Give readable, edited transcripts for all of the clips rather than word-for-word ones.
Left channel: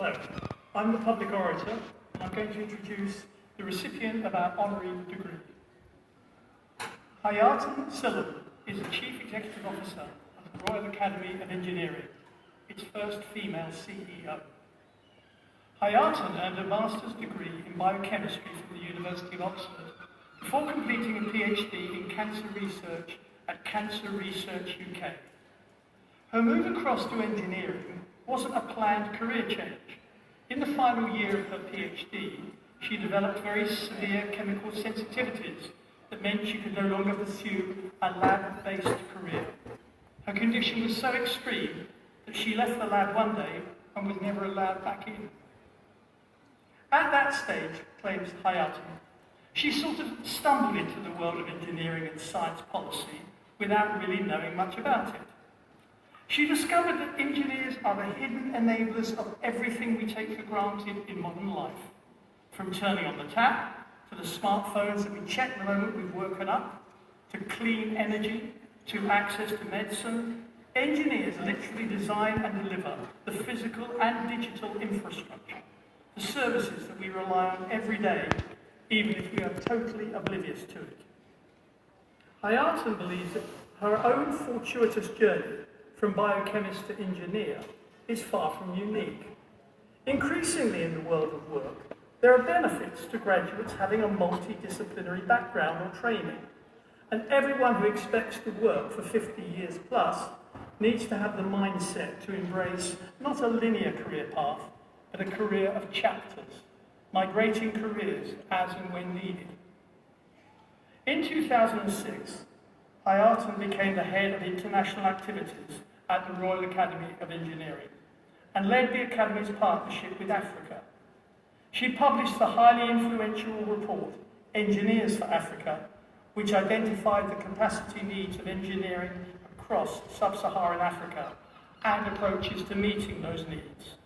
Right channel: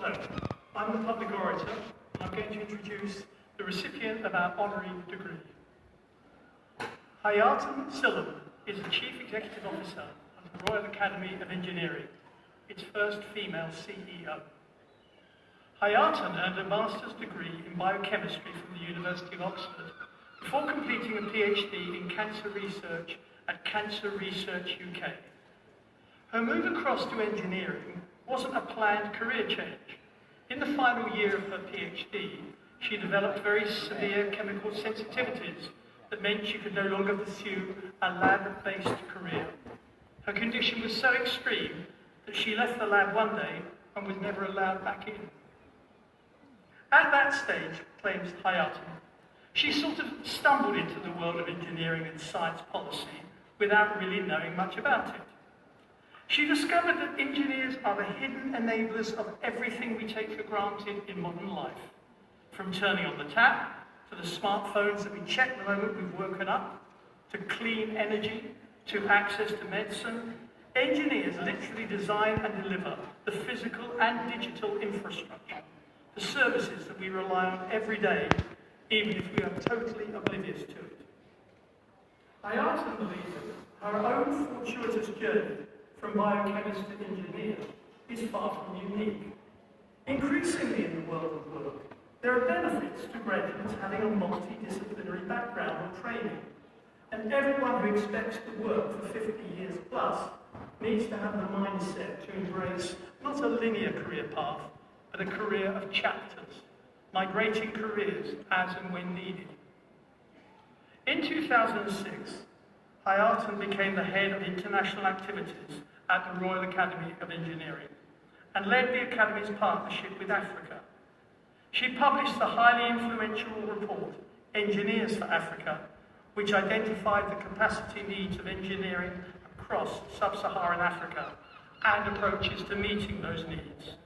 Hello, I'm the public orator, and I'm going to introduce the recipient of our honorary degree. Hayaatun Sillem is the Chief Executive Officer of the Royal Academy of Engineering, its first female CEO. Hayaatun earned a master's degree in biochemistry from the University of Oxford before completing a PhD in cancer research at Cancer Research UK. Her move across to engineering wasn't a planned career change. In the final year of her PhD, she developed very severe chemical sensitivities that meant she could no longer pursue a lab-based career. Her condition was so extreme that she left the lab one day and was never allowed back in. At that stage, claims Hayaatun, she sort of stumbled into the world of engineering and science policy without really knowing much about it. She discovered that engineers are the hidden enablers of everything we take for granted in modern life, from turning on the tap, to the smartphones that we check the moment we've woken up, to clean energy, to access to medicine. Engineers literally design and deliver the physical and digital infrastructure, the services that we rely on every day, even if we are totally oblivious to it. Hayaatun believes that her own fortuitous journey from biochemist to engineer is far from unique. Increasingly in the world of work, there are benefits to graduates having a multidisciplinary background or training, and everyone who expects to work for 50 years plus needs to have the mindset to embrace not a linear career path, but a career of chapters, migrating careers as and when needed. In 2006, Hayaatun became the head of international activities at the Royal Academy of Engineering and led the Academy's partnership with Africa. She published the highly influential report, Engineers for Africa, which identified the capacity needs of engineering across sub-Saharan Africa and approaches to meeting those needs.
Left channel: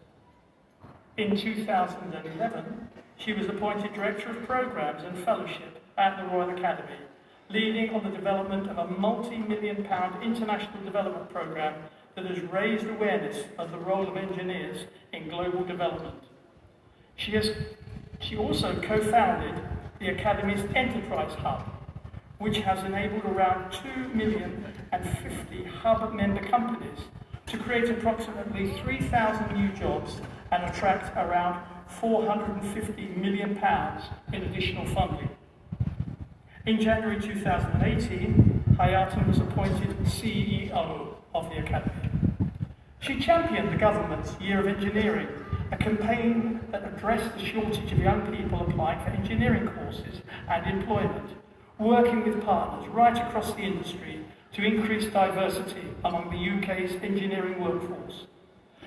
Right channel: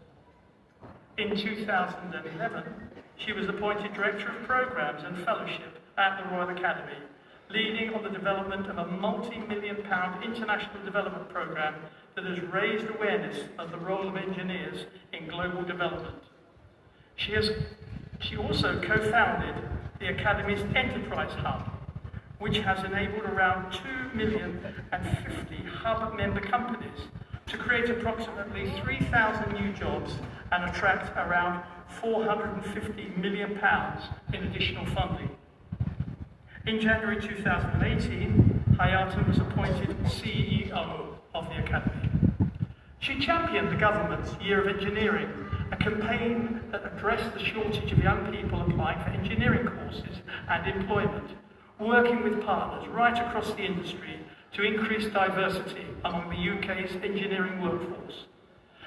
In 2011, she was appointed Director of Programmes and Fellowship at the Royal Academy, leading on the development of a multi-million-pound international development programme that has raised awareness of the role of engineers in global development. She also co-founded the Academy's Enterprise Hub, which has enabled around 2,050,000 hub member companies to create approximately 3,000 new jobs and attract around £450 million in additional funding. In January 2018, Hayaatun was appointed CEO of the Academy. She championed the government's Year of Engineering, a campaign that addressed the shortage of young people applying for engineering courses and employment, working with partners right across the industry to increase diversity among the UK's engineering workforce.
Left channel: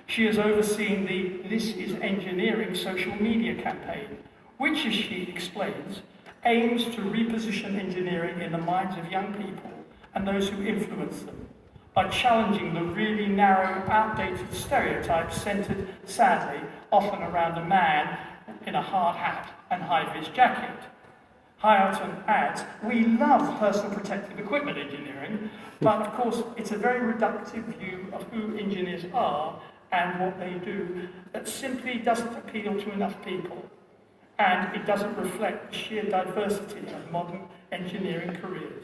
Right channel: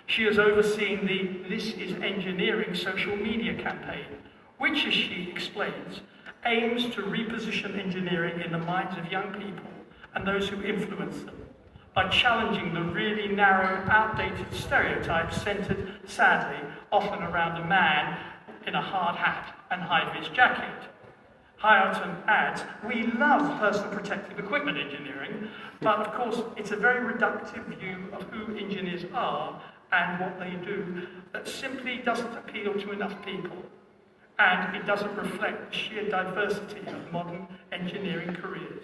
She has overseen the This is Engineering social media campaign, which, as she explains, aims to reposition engineering in the minds of young people and those who influence them by challenging the really narrow, outdated stereotypes centred, sadly, often around a man in a hard hat and high-vis jacket. Hayaatun adds, we love personal protective equipment engineering, but of course it's a very reductive view of who engineers are and what they do that simply doesn't appeal to enough people. And it doesn't reflect the sheer diversity of modern engineering careers.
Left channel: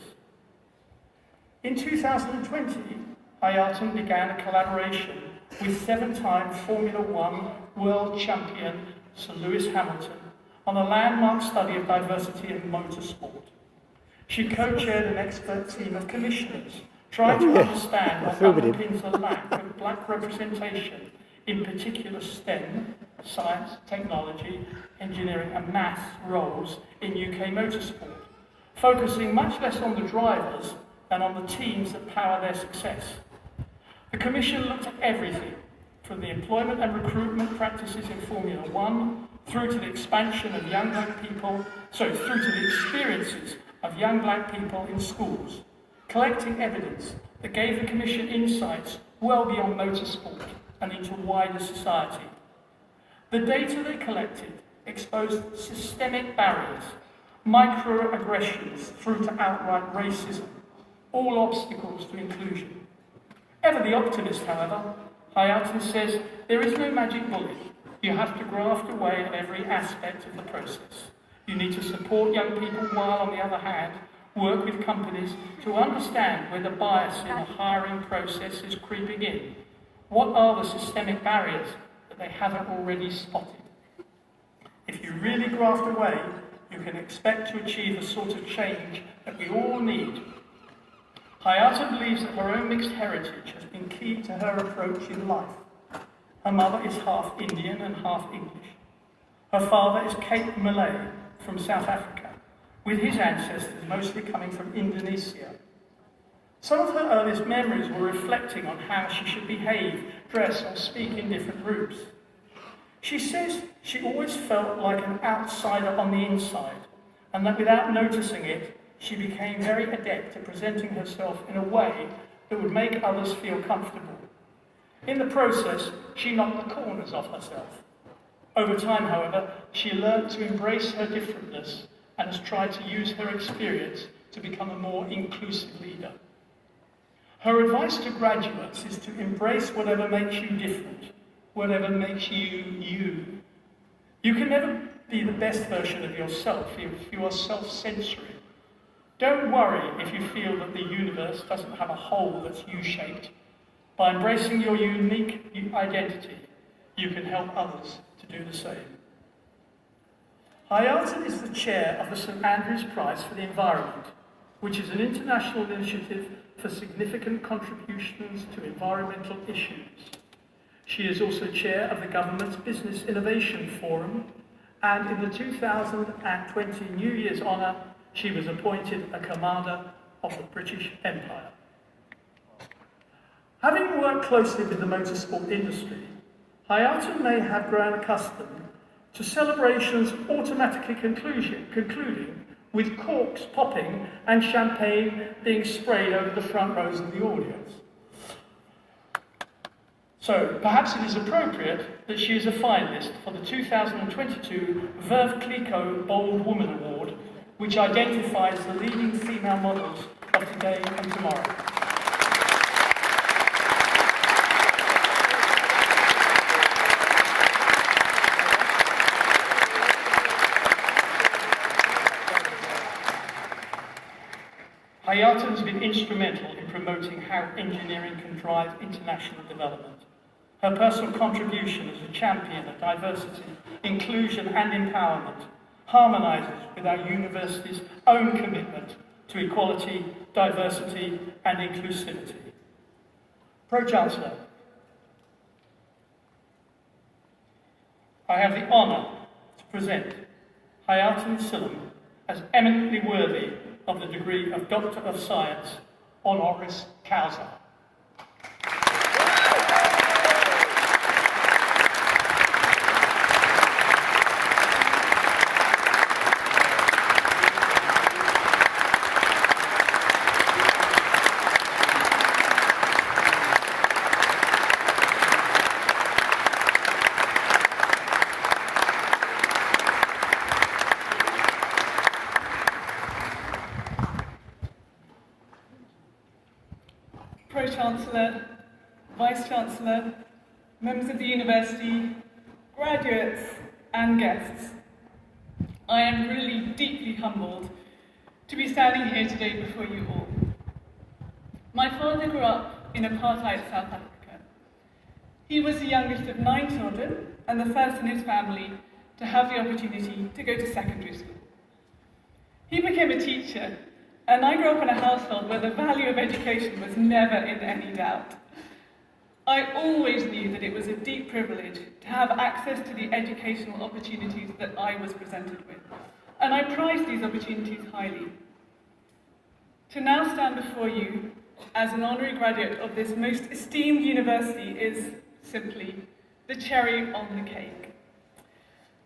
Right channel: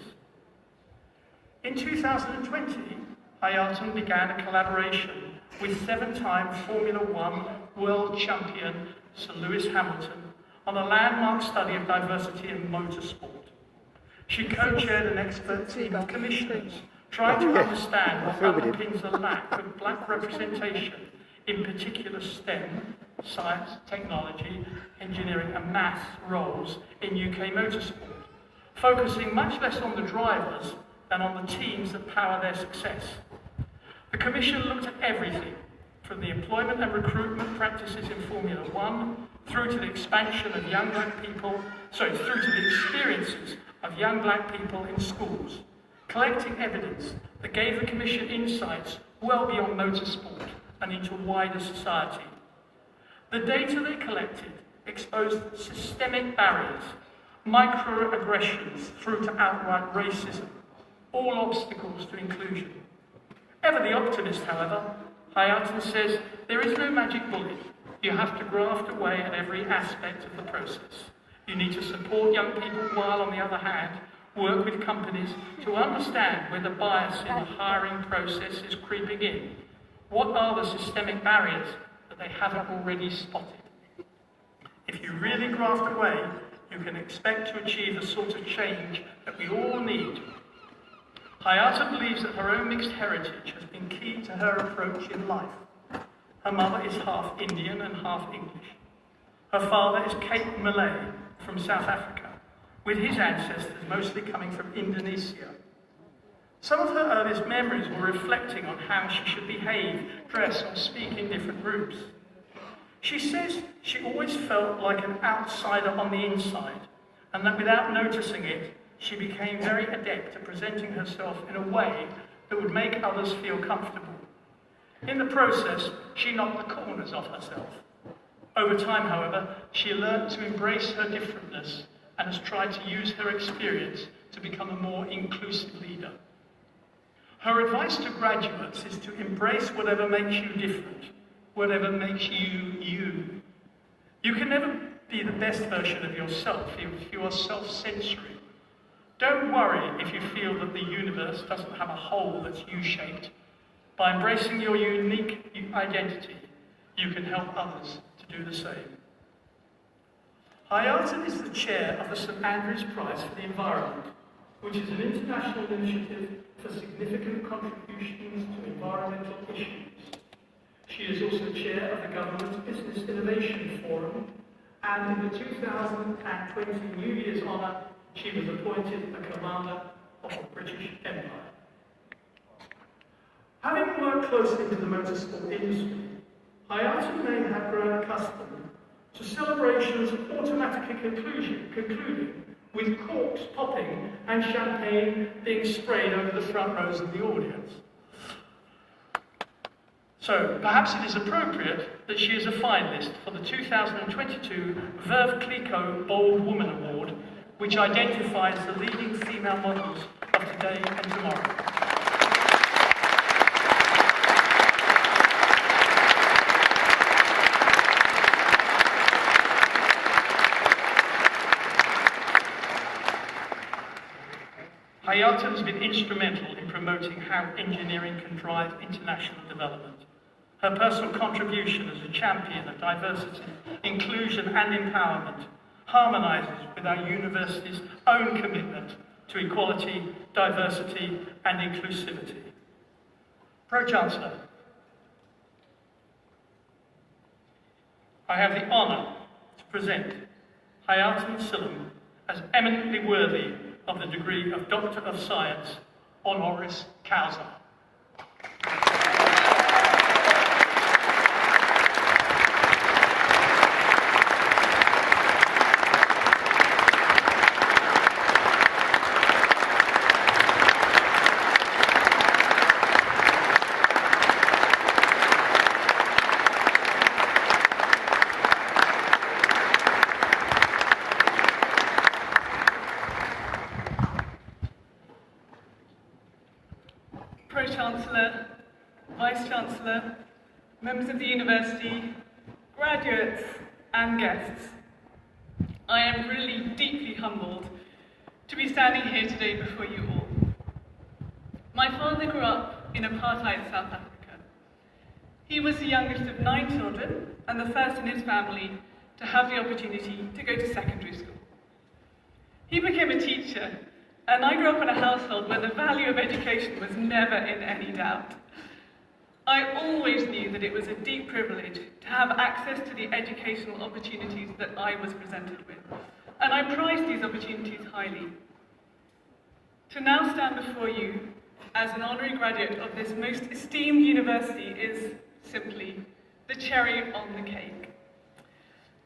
In 2020, Hayaatun began a collaboration with 7-time Formula One world champion Sir Lewis Hamilton on a landmark study of diversity in motorsport. She co-chaired an expert team of commissioners trying to understand what underpins a lack of black representation, in particular STEM, science, technology, engineering and maths roles in UK motorsport, focusing much less on the drivers than on the teams that power their success. The Commission looked at everything, from the employment and recruitment practices in Formula One, through to the expansion of through to the experiences of young black people in schools, collecting evidence that gave the Commission insights well beyond motorsport and into wider society. The data they collected exposed systemic barriers, microaggressions through to outright racism, all obstacles to inclusion. Ever the optimist, however, Hayaatun says there is no magic bullet. You have to graft away at every aspect of the process. You need to support young people while, on the other hand, work with companies to understand where the bias in the hiring process is creeping in. What are the systemic barriers that they haven't already spotted? If you really graft away, you can expect to achieve a sort of change that we all need. Hayaatun believes that her own mixed heritage has been key to her approach in life. Her mother is half Indian and half English. Her father is Cape Malay from South Africa, with his ancestors mostly coming from Indonesia. Some of her earliest memories were reflecting on how she should behave, dress, or speak in different groups. She says she always felt like an outsider on the inside, and that without noticing it, she became very adept at presenting herself in a way that would make others feel comfortable. In the process, she knocked the corners off herself. Over time, however, she learned to embrace her differentness and has tried to use her experience to become a more inclusive leader. Her advice to graduates is to embrace whatever makes you different, whatever makes you you. You can never be the best version of yourself if you are self-censoring. Don't worry if you feel that the universe doesn't have a hole that's U-shaped. By embracing your unique identity, you can help others to do the same. Hayaatun is the chair of the St Andrews Prize for the Environment, which is an international initiative for significant contributions to environmental issues. She is also chair of the government's Business Innovation Forum, and in the 2020 New Year's honour, she was appointed a Commander of the British Empire. Having worked closely with the motorsport industry, Hayaatun may have grown accustomed to celebrations automatically concluding with corks popping and champagne being sprayed over the front rows of the audience. So, perhaps it is appropriate that she is a finalist for the 2022 Veuve Clicquot Bold Woman Award, which identifies the leading female models of today and tomorrow. Hayaatun has been instrumental in promoting how engineering can drive international development. Her personal contribution as a champion of diversity, inclusion and empowerment harmonises with our university's own commitment to equality, diversity and inclusivity. Pro-Chancellor, I have the honour to present Hayaatun Sillem as eminently worthy of the degree of Doctor of Science, honoris causa. Pro-Chancellor, Vice-Chancellor, members of the University, graduates and guests, I am really deeply humbled to be standing here today before you all. My father grew up in apartheid South Africa. He was the youngest of 9 children and the first in his family to have the opportunity to go to secondary school. He became a teacher, and I grew up in a household where the value of education was never in any doubt. I always knew that it was a deep privilege to have access to the educational opportunities that I was presented with, and I prized these opportunities highly. To now stand before you as an honorary graduate of this most esteemed university is simply the cherry on the cake.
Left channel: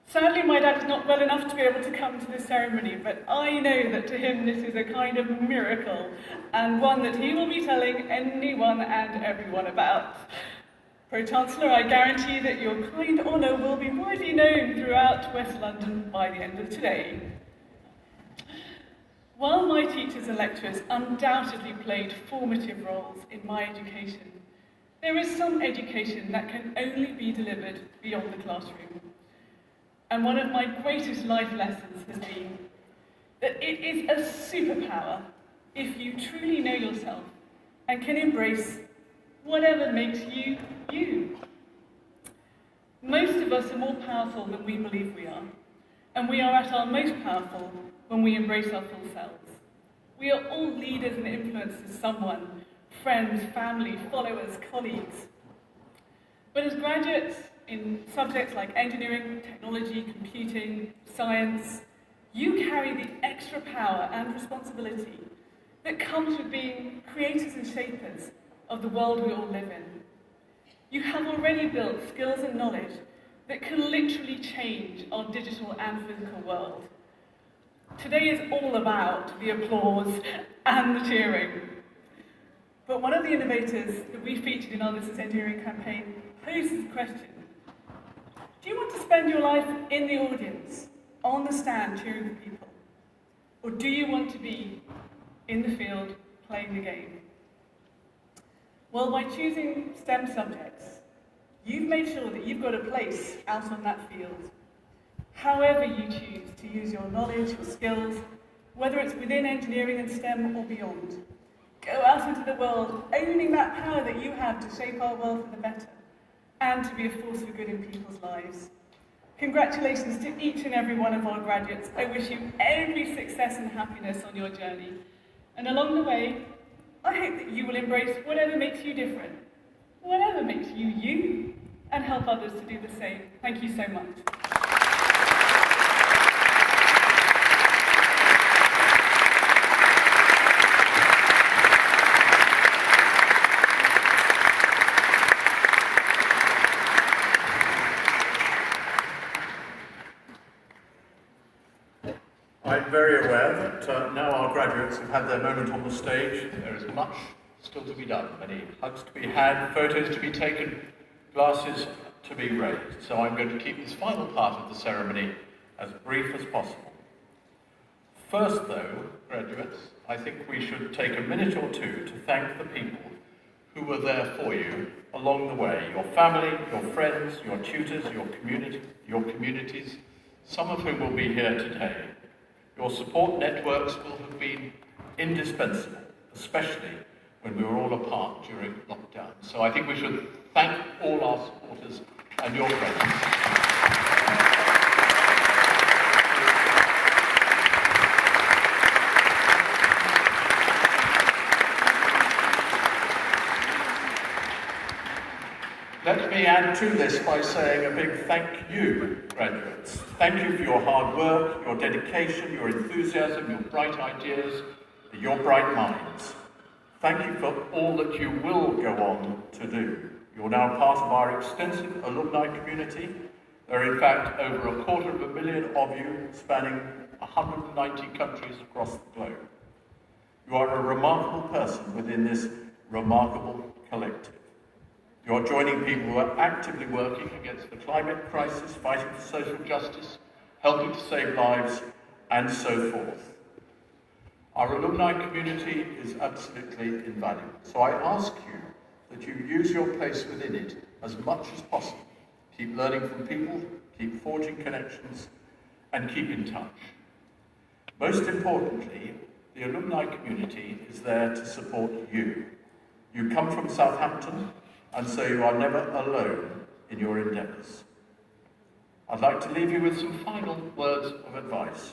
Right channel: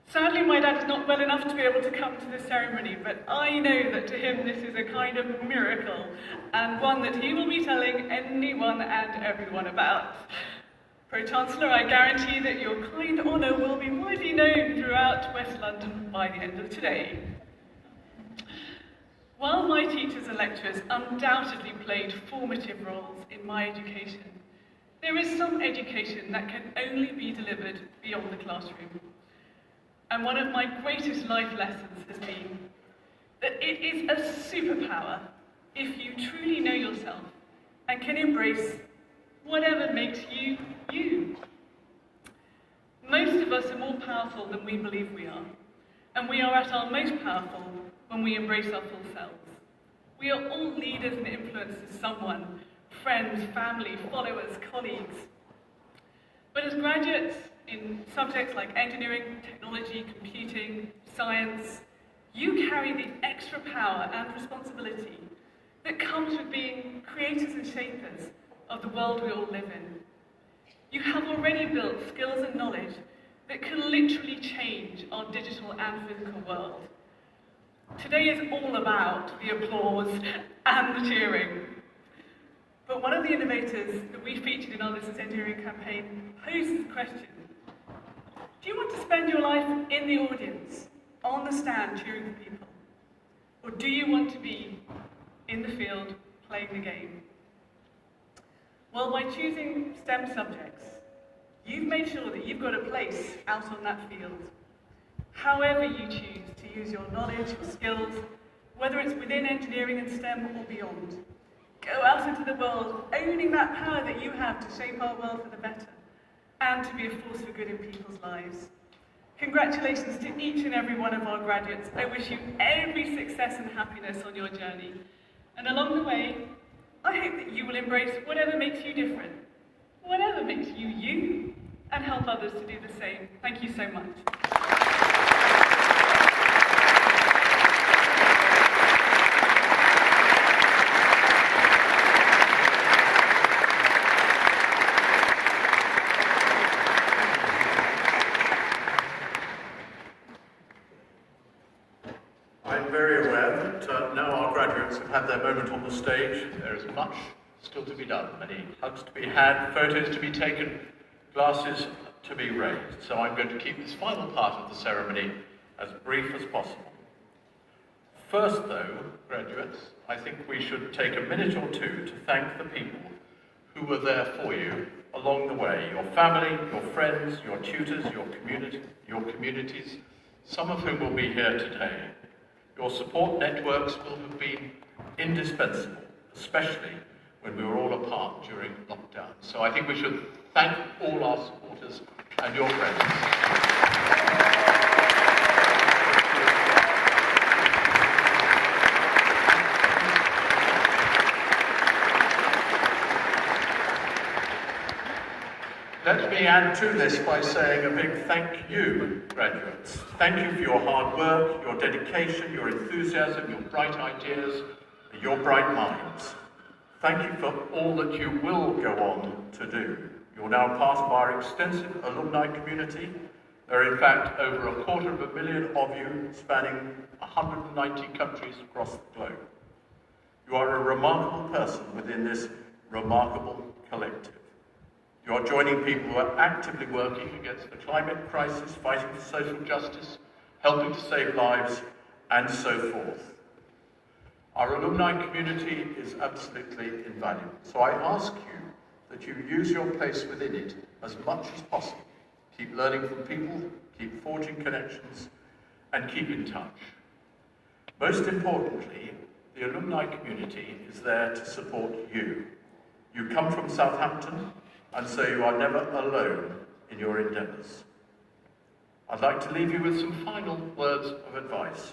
Sadly, my dad is not well enough to be able to come to this ceremony, but I know that to him this is a kind of miracle, and one that he will be telling anyone and everyone about. Pro-Chancellor, I guarantee that your kind honour will be widely known throughout West London by the end of today. While my teachers and lecturers undoubtedly played formative roles in my education, There is some education that can only be delivered beyond the classroom. And one of my greatest life lessons has been that it is a superpower if you truly know yourself and can embrace whatever makes you, you. Most of us are more powerful than we believe we are, and we are at our most powerful when we embrace our full selves. We are all leaders and influencers, someone, friends, family, followers, colleagues. But as graduates in subjects like engineering, technology, computing, science, you carry the extra power and responsibility that comes with being creators and shapers of the world we all live in. You have already built skills and knowledge that can literally change our digital and physical world. Today is all about the applause and the cheering. But one of the innovators that we featured in our This Is Engineering campaign poses the question: do you want to spend your life in the audience, on the stand, cheering for people? Or do you want to be in the field, playing the game? Well, by choosing STEM subjects, you've made sure that you've got a place out on that field. However you choose to use your knowledge or skills, whether it's within engineering and STEM or beyond, go out into the world, owning that power that you have to shape our world for the better, and to be a force for good in people's lives. Congratulations to each and every one of our graduates. I wish you every success and happiness on your journey. And along the way, I hope that you will embrace whatever makes you different, whatever makes you you, and help others to do the same. Thank you so much. I'm very aware that now our graduates have had their moment on the stage. There is much still to be done, many hugs to be had, photos to be taken, glasses to be raised. So I'm going to keep this final part of the ceremony as brief as possible. First though, graduates, I think we should take a minute or two to thank the people who were there for you along the way. Your family, your friends, your tutors, your communities, some of whom will be here today. Your support networks will have been indispensable, especially when we were all apart during lockdown. So I think we should thank all our supporters and your friends. Let me add to this by saying a big thank you, graduates. Thank you for your hard work, your dedication, your enthusiasm, your bright ideas, your bright minds. Thank you for all that you will go on to do. You're now part of our extensive alumni community. There are in fact over 250,000 of you spanning 190 countries across the globe. You are a remarkable person within this remarkable collective. You are joining people who are actively working against the climate crisis, fighting for social justice, helping to save lives, and so forth. Our alumni community is absolutely invaluable, so I ask you that you use your place within it as much as possible. Keep learning from people, keep forging connections, and keep in touch. Most importantly, the alumni community is there to support you. You come from Southampton, and so you are never alone in your endeavours. I'd like to leave you with some final words of advice.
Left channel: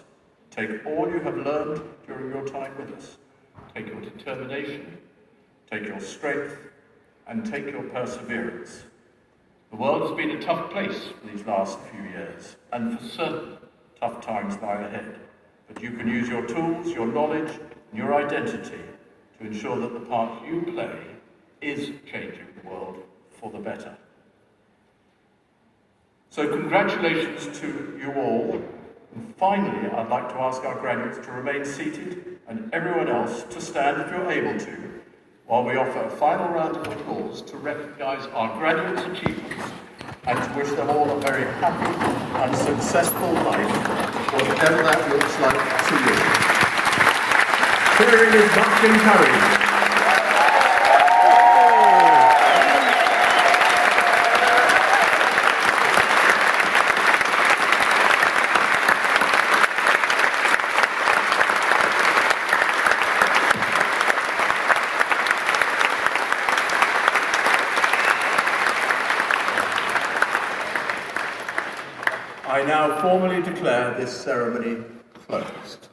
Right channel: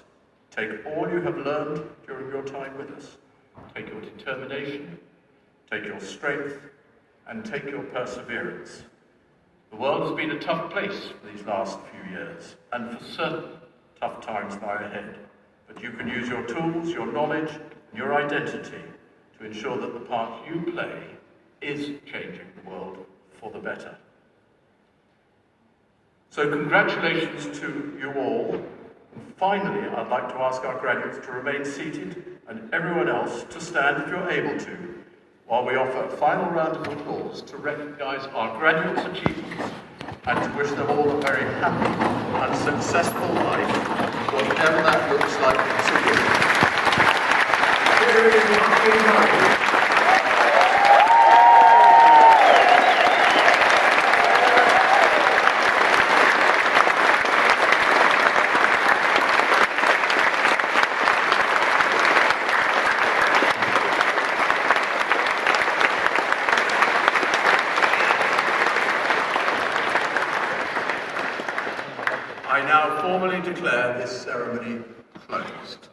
Take all you have learned during your time with us. Take your determination, take your strength, and take your perseverance. The world has been a tough place these last few years, and for certain, tough times lie ahead. But you can use your tools, your knowledge, and your identity to ensure that the part you play is changing the world for the better. So congratulations to you all. And finally, I'd like to ask our graduates to remain seated and everyone else to stand if you're able to, while we offer a final round of applause to recognise our graduates' achievements and to wish them all a very happy and successful life, whatever that looks like to you. Cheering is much encouraged. I now formally declare this ceremony closed.